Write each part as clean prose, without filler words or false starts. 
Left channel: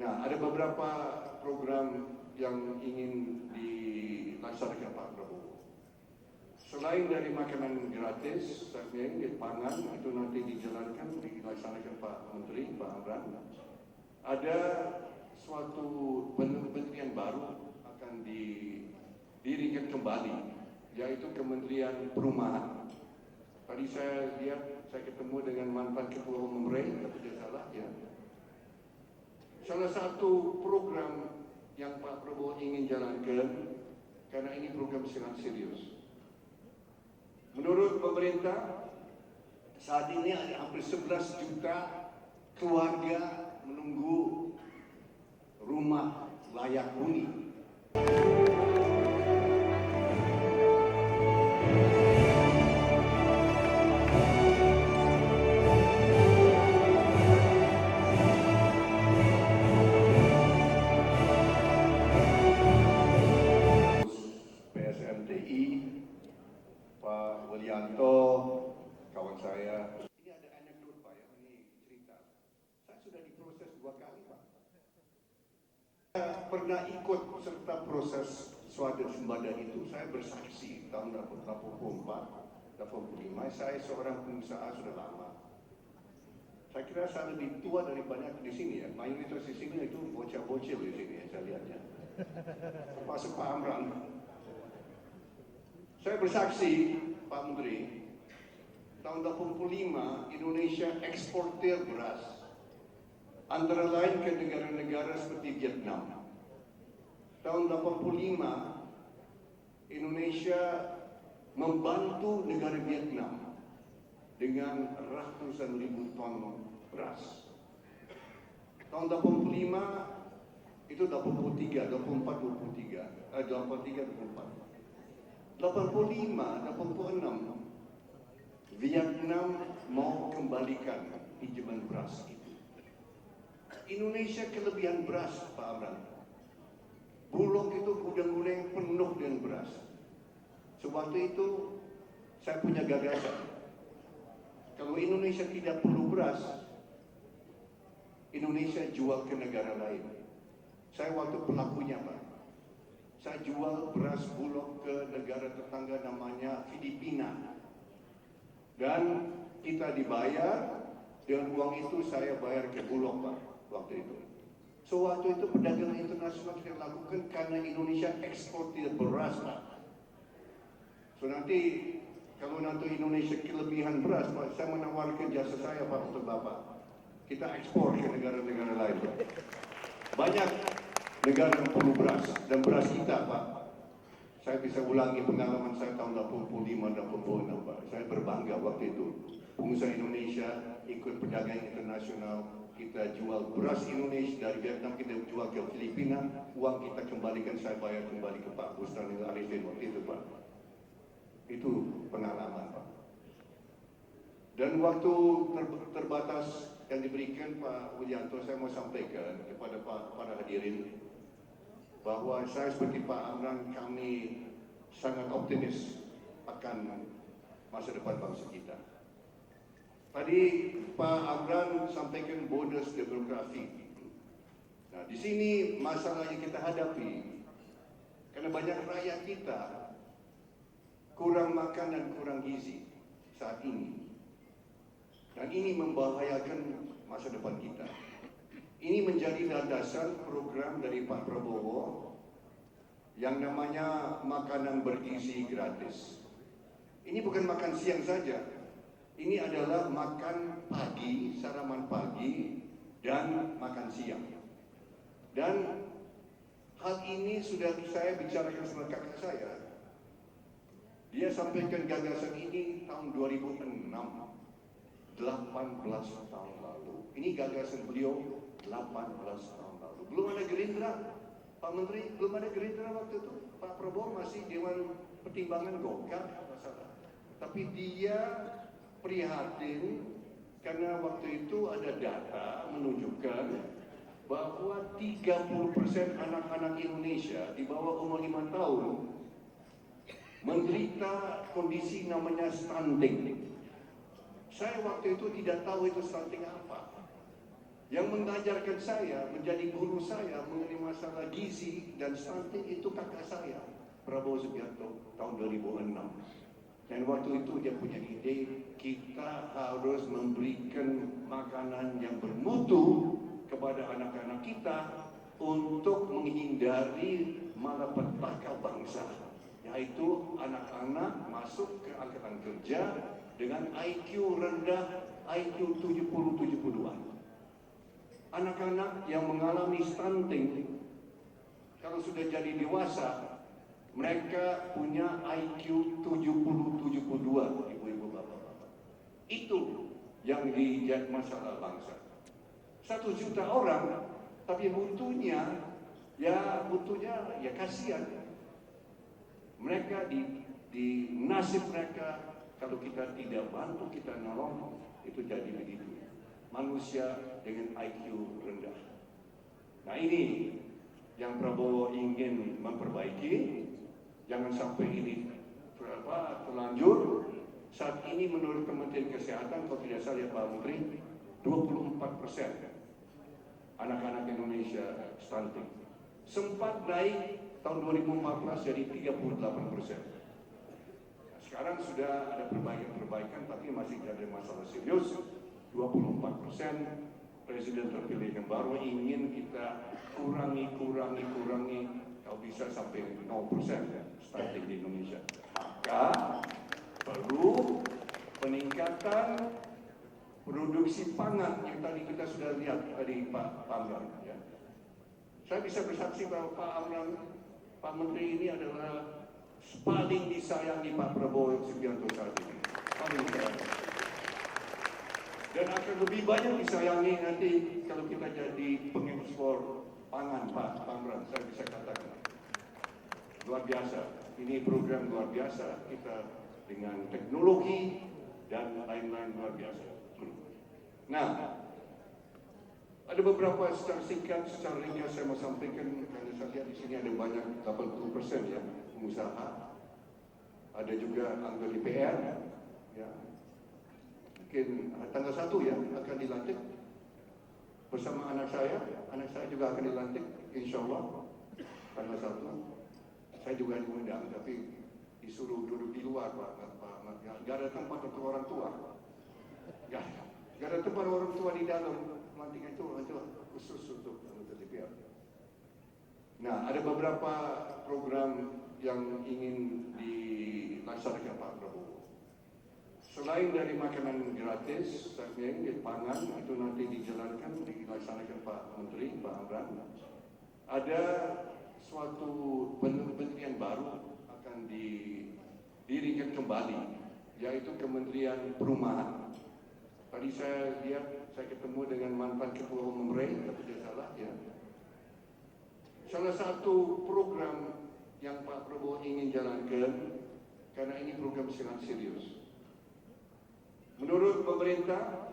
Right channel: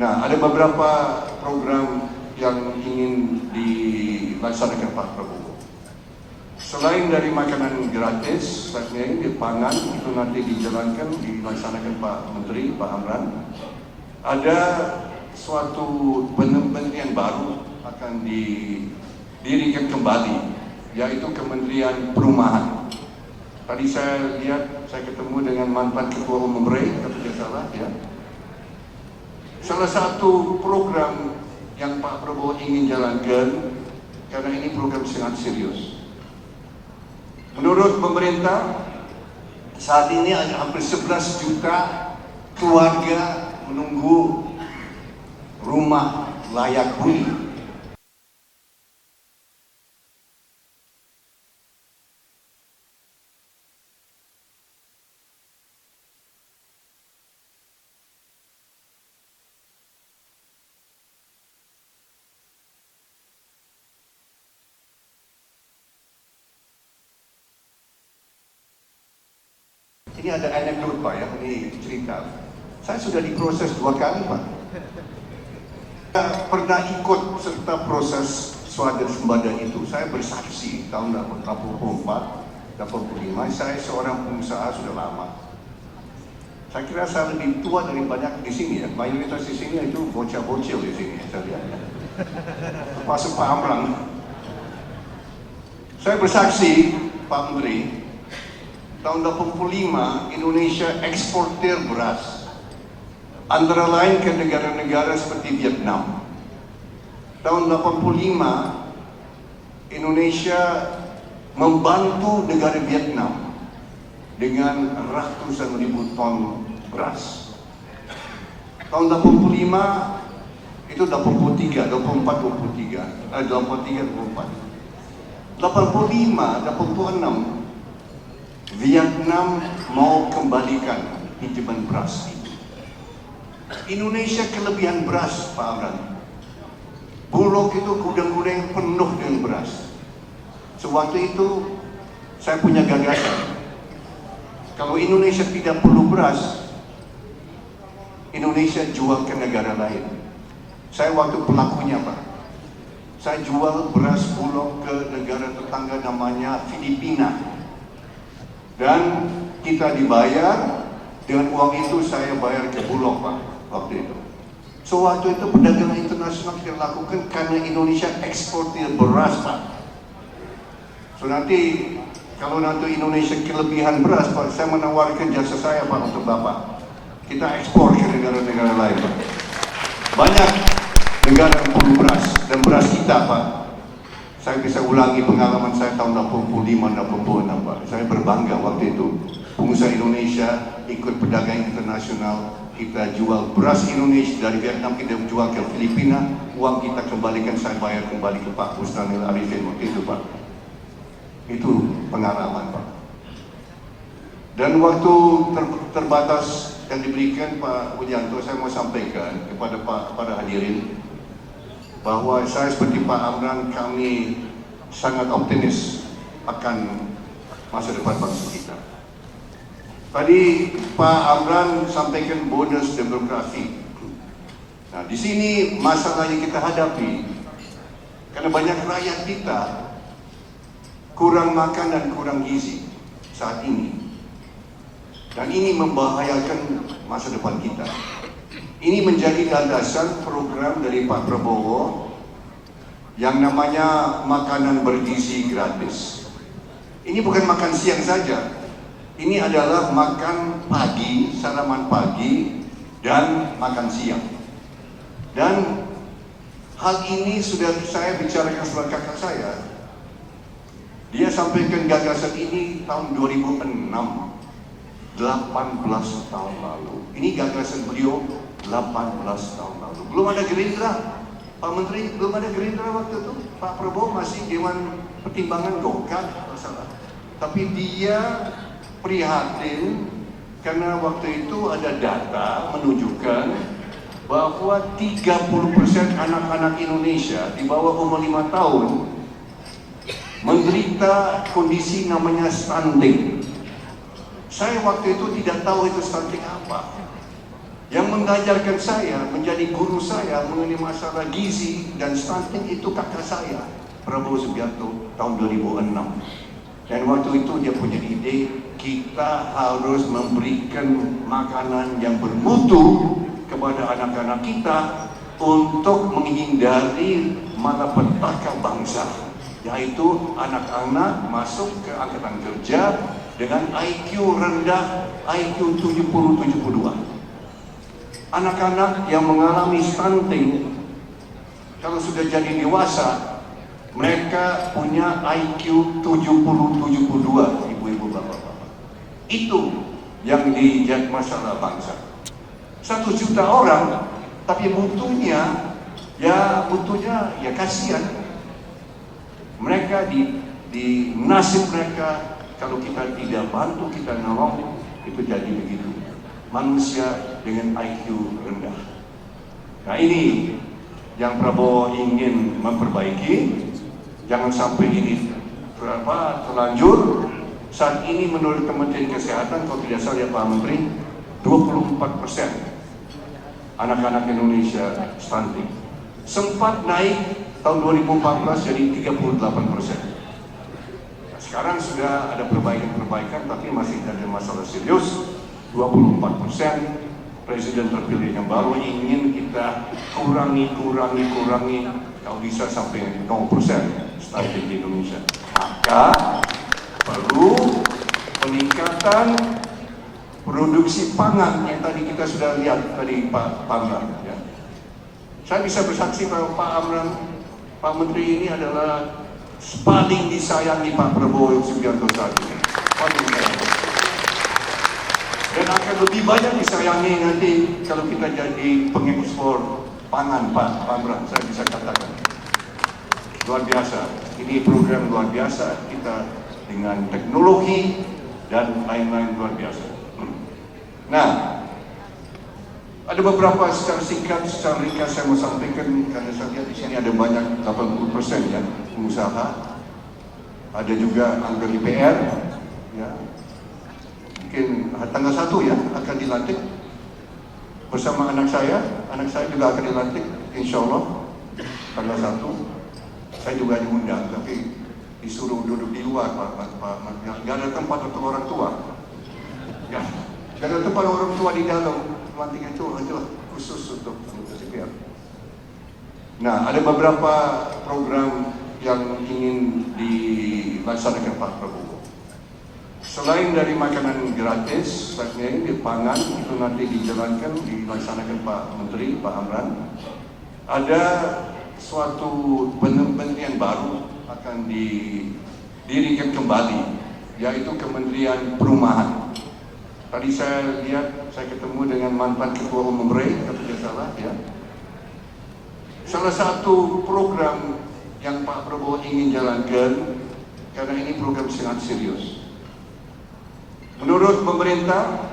Nah, ada beberapa program yang ingin dilaksanakan Pak Prabowo. Selain dari makanan gratis, di pangan itu nanti dilaksanakan Pak Menteri, Pak Amran. Ada suatu kementerian baru akan didirikan kembali, yaitu Kementerian Perumahan. Tadi saya lihat, saya ketemu dengan mantan Ketua Umum REI, kalau tidak salah, ya. Salah satu program yang Pak Prabowo ingin jalankan, karena ini program sangat serius. Menurut pemerintah, saat ini ada hampir 11 juta keluarga menunggu rumah layak huni. Kawan saya. Ini ada anekdot Pak ya, ini cerita. Saya sudah diproses 2 kali Pak. Saya pernah ikut serta proses swadaya sembada itu. Saya bersaksi tahun 84, 85. Saya seorang pengusaha sudah lama. Saya kira saya lebih tua dari banyak di sini ya. Mayoritas di sini itu bocah-bocil di sini saya lihat. Termasuk Pak Amran. Saya bersaksi Pak Menteri, tahun 85 Indonesia eksportir beras, antara lain ke negara-negara seperti Vietnam. Tahun 85 Indonesia membantu negara Vietnam dengan ratusan ribu ton beras. Tahun 85 itu 84, 86 Vietnam mau kembalikan pinjaman beras itu. Indonesia kelebihan beras, Pak Amran. Bulog itu gudang-gudang penuh dengan beras. Sewaktu itu saya punya gagasan. Kalau Indonesia tidak perlu beras, Indonesia jual ke negara lain. Saya waktu pelakunya Pak. Saya jual beras Bulog ke negara tetangga namanya Filipina. Dan kita dibayar, dengan uang itu saya bayar ke Bulog Pak, waktu itu. So waktu itu perdagangan internasional kita lakukan karena Indonesia eksportir beras Pak. So nanti, kalau nanti Indonesia kelebihan beras Pak, saya menawarkan jasa saya Pak untuk Bapak. Kita ekspor ke negara-negara lain Pak. Banyak negara yang perlu beras, dan beras kita Pak. Saya bisa ulangi pengalaman saya tahun 85-86 Pak. Saya berbangga waktu itu. Pengusaha Indonesia ikut perdagangan internasional. Kita jual beras Indonesia dari Vietnam, kita jual ke Filipina. Uang kita kembalikan, saya bayar kembali ke Pak Busnanil Arifin waktu itu Pak. Itu pengalaman Pak. Dan waktu terbatas yang diberikan Pak Widianto, saya mau sampaikan kepada hadirin bahwa saya seperti Pak Amran, kami sangat optimis akan masa depan bangsa kita. Tadi Pak Amran sampaikan bonus demografi. Nah, di sini masalah yang kita hadapi karena banyak rakyat kita kurang makan dan kurang gizi saat ini. Dan ini membahayakan masa depan kita. Ini menjadi landasan program dari Pak Prabowo yang namanya makanan bergizi gratis. Ini bukan makan siang saja. Ini adalah makan pagi, saraman pagi, dan makan siang. Dan hal ini sudah saya bicarakan sama kakak saya. Dia sampaikan gagasan ini tahun 2006, 18 tahun lalu. Ini gagasan beliau 18 tahun lalu. Belum ada Gerindra, Pak Menteri, belum ada Gerindra waktu itu. Pak Prabowo masih Dewan Pertimbangan Golkar, masalah. Tapi dia prihatin karena waktu itu ada data menunjukkan bahwa 30% anak-anak Indonesia di bawah umur 5 tahun menderita kondisi namanya stunting. Saya waktu itu tidak tahu itu stunting apa. Yang mengajarkan saya, menjadi guru saya mengenai masalah gizi dan stunting itu kakak saya, Prabowo Subianto, tahun 2006. Dan waktu itu dia punya ide, kita harus memberikan makanan yang bermutu kepada anak-anak kita untuk menghindari malapetaka bangsa, yaitu anak-anak masuk ke angkatan kerja dengan IQ rendah, IQ 70-72. Anak-anak yang mengalami stunting, kalau sudah jadi dewasa, mereka punya IQ 70-72, ibu-ibu, bapak-bapak. Itu yang dijadi masalah bangsa. 1 juta orang, tapi mutunya ya kasihan. Mereka di nasib mereka, kalau kita tidak bantu, kita nolong, itu jadi begitu. Manusia dengan IQ rendah. Nah, ini yang Prabowo ingin memperbaiki. Jangan sampai ini terlanjur. Saat ini menurut Kementerian Kesehatan, kalau tidak salah ya Pak Menteri, 24% anak-anak Indonesia stunting. Sempat naik tahun 2014 jadi 38%. Sekarang sudah ada perbaikan, tapi masih ada masalah serius. 24%. Presiden terpilih yang baru ingin kita kurangi, kalau bisa sampai 0% stunting di Indonesia. Maka perlu peningkatan produksi pangan yang tadi kita sudah lihat tadi Pak Amran. Ya. Saya bisa bersaksi bahwa Pak Amran, Pak Menteri ini adalah paling disayangi Pak Prabowo Subianto saat ini. Paling disayangi. Dan akan lebih banyak disayangi nanti kalau kita jadi pengekspor pangan Pak Amran, saya bisa katakan. Luar biasa, ini program luar biasa, kita dengan teknologi dan lain-lain luar biasa. Nah, ada beberapa secara singkat, secara ringkas saya mau sampaikan, karena saya lihat di sini ada banyak 80% ya pengusaha, ada juga anggota DPR, ya. Mungkin tanggal 1 ya akan dilantik bersama anak saya juga akan dilantik, insya Allah tanggal 1. Saya juga diundang, tapi disuruh duduk di luar Pak. Gak ada tempat untuk orang tua. Ya, gak ada tempat orang tua di dalam. Lantik itu khusus untuk DPR. Nah, ada beberapa program yang ingin dilaksanakan Pak Prabowo. Selain dari makanan gratis, di pangan itu nanti dilaksanakan Pak Menteri, Pak Amran. Ada suatu kementerian baru akan didirikan kembali, yaitu Kementerian Perumahan. Tadi saya lihat, saya ketemu dengan mantan Ketua Umum REI, kalau tidak salah ya. Salah satu program yang Pak Prabowo ingin jalankan, karena ini program sangat serius. Menurut pemerintah,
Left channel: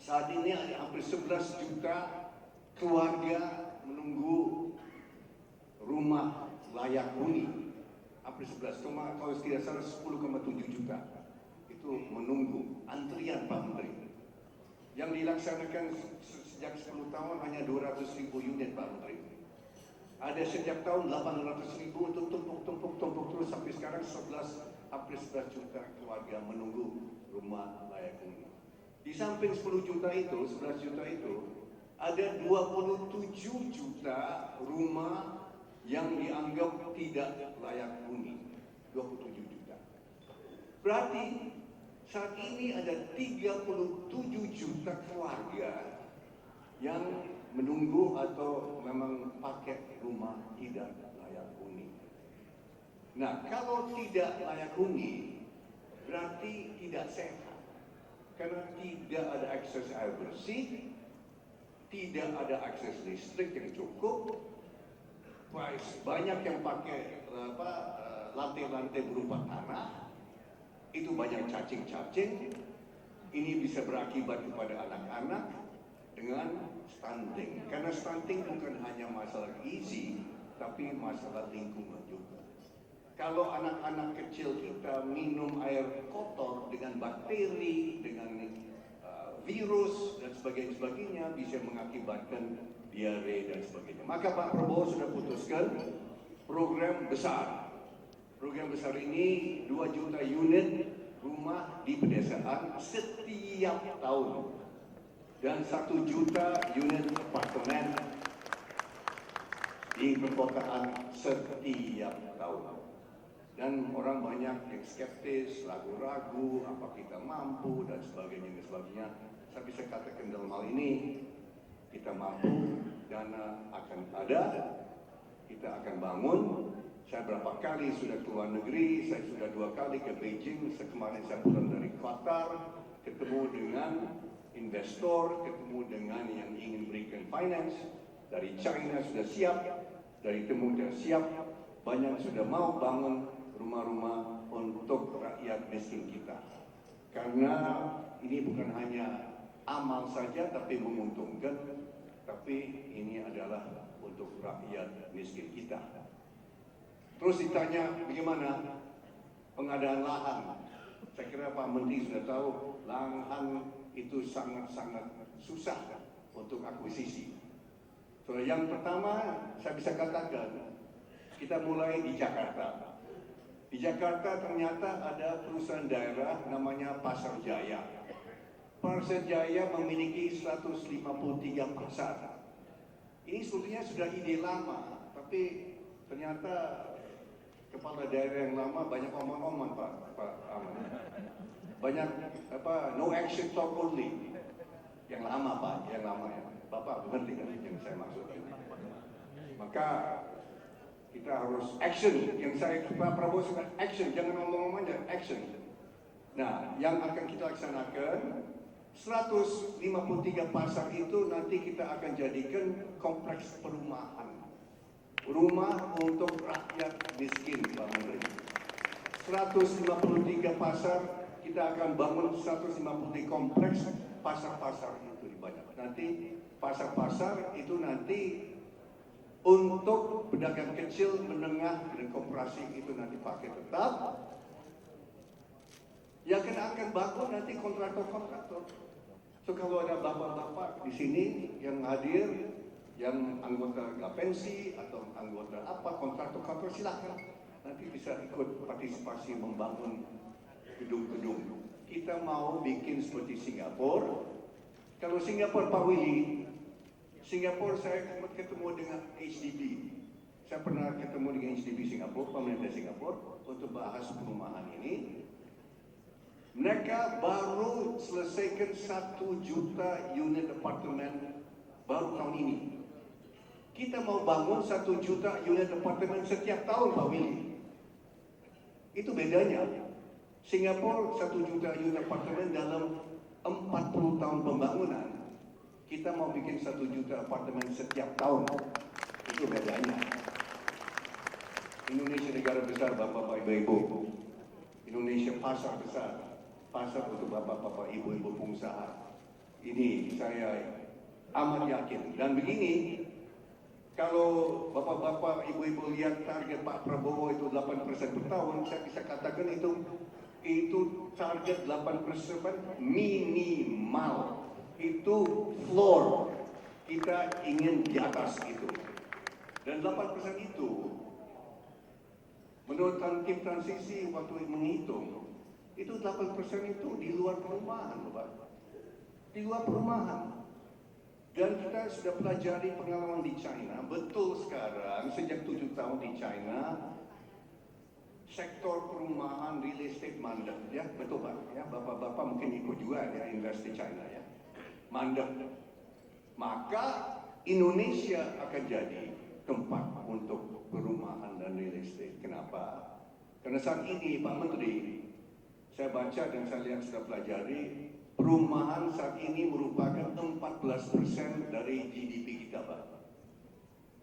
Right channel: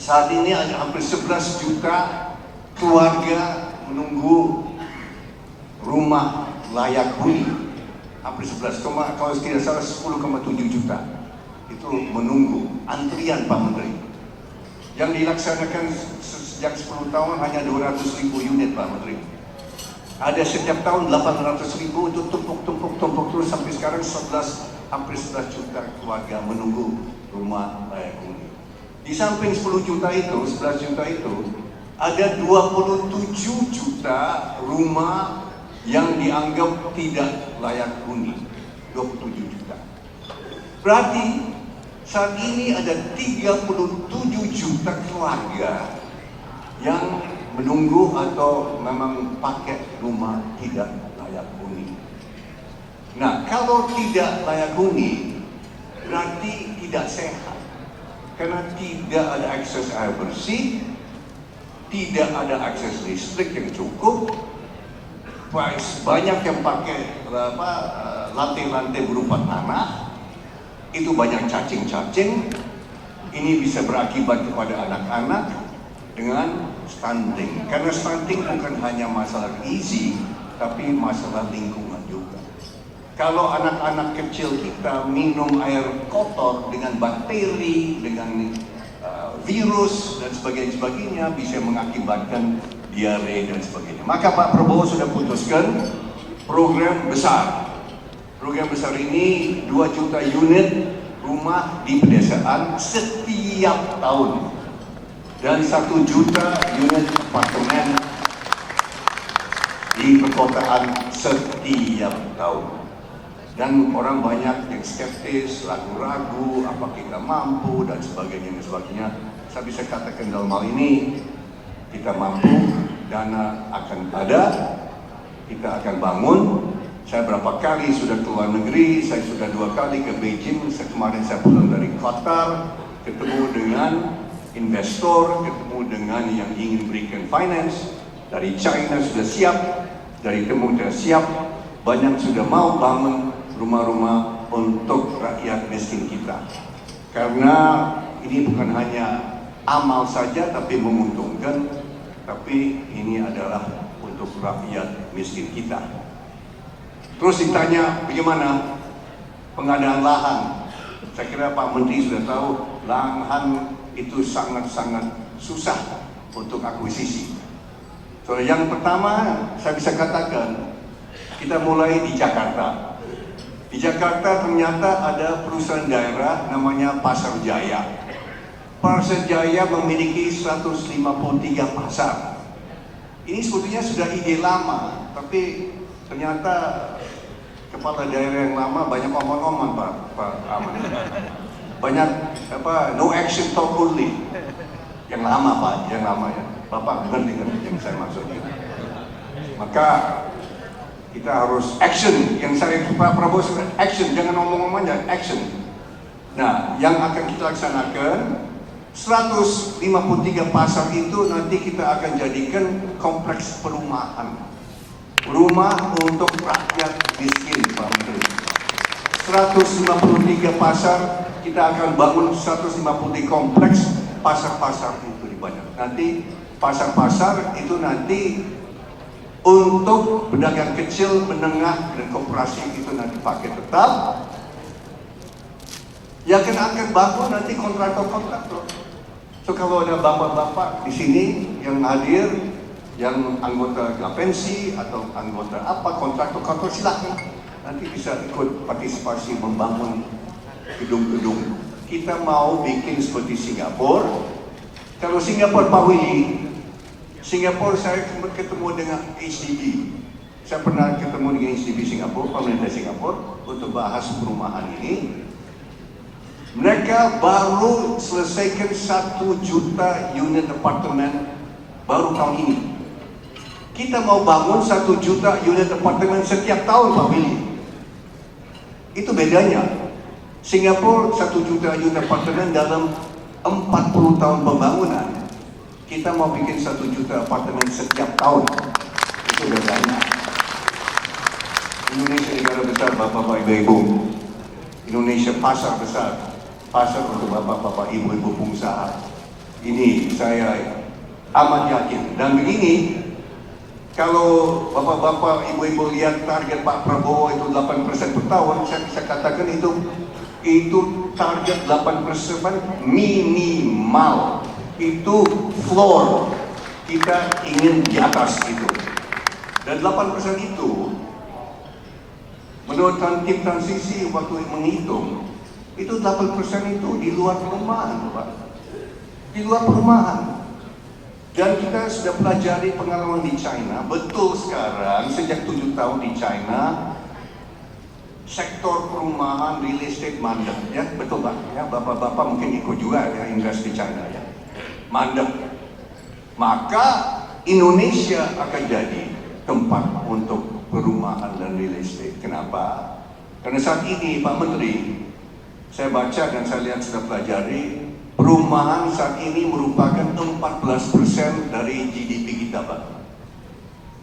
saat ini ada hampir 11 juta keluarga menunggu rumah layak huni. Hampir 11, kalau tidak salah 10,7 juta. Itu menunggu, antrian Pak Menteri. Yang dilaksanakan sejak 10 tahun hanya 200.000 unit Pak Menteri. Ada setiap tahun 800.000 itu tumpuk terus sampai sekarang hampir 11 juta keluarga menunggu rumah layak huni. Di samping 10 juta itu, 11 juta itu, ada 27 juta rumah yang dianggap tidak layak huni. 27 juta. Berarti saat ini ada 37 juta keluarga yang menunggu atau memang pakai rumah tidak layak huni. Nah, kalau tidak layak huni berarti tidak sehat, karena tidak ada akses air bersih, tidak ada akses listrik yang cukup, banyak yang pakai lantai-lantai berupa tanah, itu banyak cacing-cacing. Ini bisa berakibat kepada anak-anak dengan stunting, karena stunting bukan hanya masalah gizi, tapi masalah lingkungan juga. Kalau anak-anak kecil kita minum air kotor dengan bakteri, dengan virus dan sebagainya bisa mengakibatkan diare dan sebagainya. Maka Pak Prabowo sudah putuskan program besar. Program besar ini 2 juta unit rumah di pedesaan setiap tahun dan 1 juta unit apartemen di perkotaan setiap tahun. Dan orang banyak yang skeptis, ragu-ragu, apa kita mampu dan sebagainya. Saya bisa katakan dalam hal ini kita mampu, dana akan ada, kita akan bangun. Saya berapa kali sudah keluar negeri, saya sudah 2 kali ke Beijing, kemarin saya pulang dari Qatar, ketemu dengan investor, ketemu dengan yang ingin berikan finance, dari China sudah siap, dari Timur sudah siap, banyak sudah mau bangun rumah-rumah untuk rakyat miskin kita. Karena ini bukan hanya amal saja tapi menguntungkan, tapi ini adalah untuk rakyat miskin kita. Terus ditanya bagaimana pengadaan lahan. Saya kira Pak Menteri sudah tahu lahan itu sangat-sangat susah untuk akuisisi. So, yang pertama saya bisa katakan kita mulai di Jakarta. Di Jakarta ternyata ada perusahaan daerah namanya Pasar Jaya. Pasar Jaya memiliki 153 pasar. Ini sebetulnya sudah ide lama, tapi ternyata kepala daerah yang lama banyak omong-omong Pak Aman. Banyak no action talk only. Yang lama Pak, yang lama ya. Bapak ngerti kan yang saya maksudnya. Maka kita harus action. Yang saya Pak Prabowo sudah action, jangan omong-omong aja, action. Nah, yang akan kita laksanakan 153 pasar itu nanti kita akan jadikan kompleks perumahan. Rumah untuk rakyat miskin, Pak Menteri. 153 pasar, kita akan bangun 153 kompleks pasar-pasar itu di banyak. Nanti pasar-pasar itu nanti untuk pedagang kecil, menengah, dan koperasi itu nanti pakai tetap. Yang akan bangun nanti kontraktor-kontraktor. So kalau ada bapak-bapak di sini yang hadir, yang anggota Gapensi atau anggota apa kontraktor silakan nanti bisa ikut partisipasi membangun gedung-gedung. Kita mau bikin seperti Singapura. Kalau Singapura Pak Willy, Singapura saya ketemu dengan HDB. Saya pernah ketemu dengan HDB Singapura, pemerintah Singapura untuk bahas perumahan ini. Mereka baru selesaikan 1 juta unit apartemen baru tahun ini. Kita mau bangun 1 juta unit apartemen setiap tahun Pak Willy. Itu bedanya. Singapura 1 juta unit apartemen dalam 40 tahun pembangunan. Kita mau bikin 1 juta apartemen setiap tahun. Itu bedanya. Indonesia negara besar Bapak-Bapak Ibu-Ibu. Indonesia pasar besar. Pasar untuk bapak-bapak, ibu-ibu pengusaha. Ini saya amat yakin. Dan begini, kalau bapak-bapak, ibu-ibu lihat target Pak Prabowo itu 8% per tahun, saya bisa katakan itu target 8% minimal. Itu floor. Kita ingin di atas itu. Dan 8% itu, menurut tim transisi waktu menghitung, itu 8% itu di luar perumahan, Pak. Di luar perumahan. Dan kita sudah pelajari pengalaman di China. Betul sekarang, sejak 7 tahun di China, sektor perumahan, real estate mandek. Ya, betul Pak. Ya, bapak-bapak mungkin ikut juga ya, invest di China ya. Mandek. Maka Indonesia akan jadi tempat untuk perumahan dan real estate. Kenapa? Karena saat ini Pak Menteri, saya baca dan saya lihat sudah pelajari, perumahan saat ini merupakan 14% dari GDP kita, Pak.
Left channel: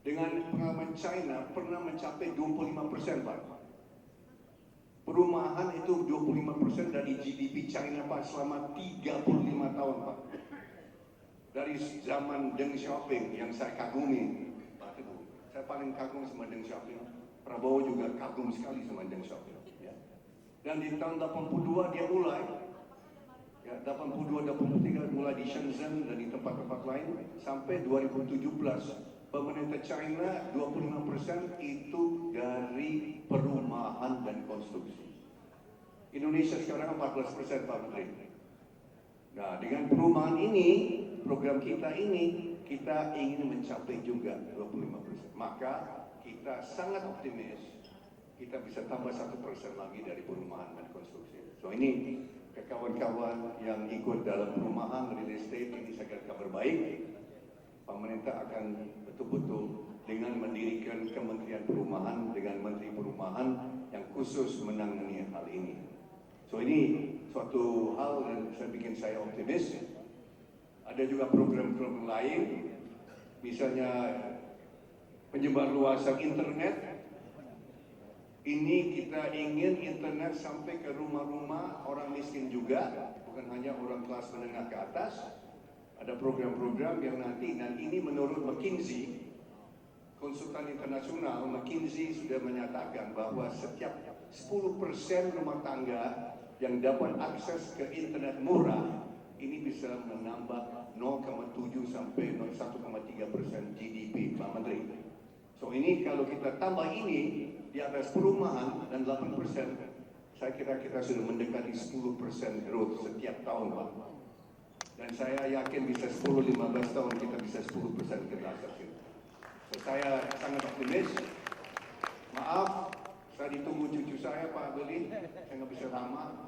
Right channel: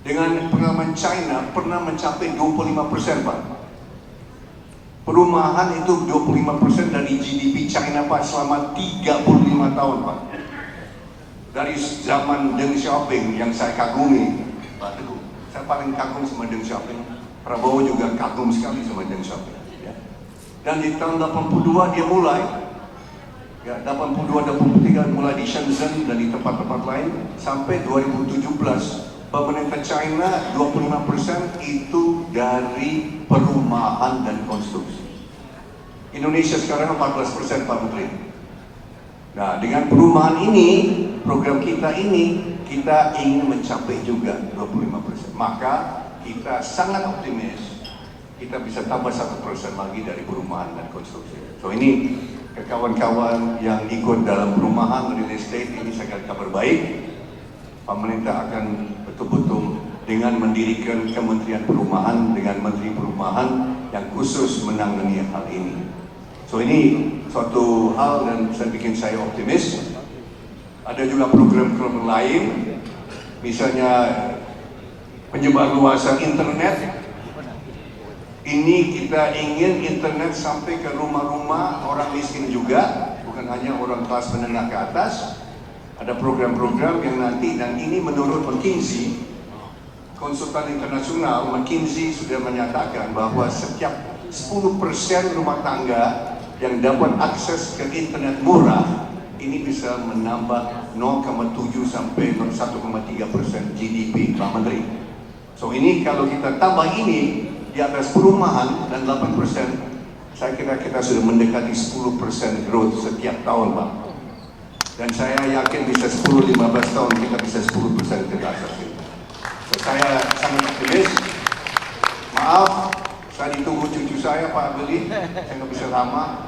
Dengan pengalaman China pernah mencapai 25%, Pak. Perumahan itu 25% dari GDP China, Pak, selama 35 tahun, Pak. Dari zaman Deng Xiaoping yang saya kagumi, Pak Teguh. Saya paling kagum sama Deng Xiaoping. Prabowo juga kagum sekali sama Deng Xiaoping. Dan di tahun 82 dia mulai ya 82-83 mulai di Shenzhen dan di tempat-tempat lain, sampai 2017 pemerintah China 25% itu dari perumahan dan konstruksi. Indonesia sekarang 14%, Pak Menteri. Nah, dengan perumahan ini, program kita ini, kita ingin mencapai juga 25%. Maka kita sangat optimis kita bisa tambah 1% lagi dari perumahan dan konstruksi. So ini ke kawan-kawan yang ikut dalam perumahan real estate ini sangat kabar baik. Pemerintah akan betul-betul dengan mendirikan Kementerian Perumahan dengan Menteri Perumahan yang khusus menangani hal ini. So ini suatu hal dan saya bikin saya optimis. Ada juga program-program lain, misalnya penyebarluasan internet. Ini kita ingin internet sampai ke rumah-rumah orang miskin juga, bukan hanya orang kelas menengah ke atas. Ada program-program yang nanti, dan ini menurut McKinsey, konsultan internasional, McKinsey sudah menyatakan bahwa setiap 10% rumah tangga yang dapat akses ke internet murah, ini bisa menambah 0,7 sampai 1,3% GDP, Pak Menteri. So ini kalau kita tambah ini di atas perumahan dan 8%, saya kira kita sudah mendekati 10% growth setiap tahun, Pak. Dan saya yakin bisa 10-15 tahun kita bisa 10% ke atas itu. So, saya sangat optimis. Maaf, saya ditunggu cucu saya, Pak Beli, saya nggak bisa lama.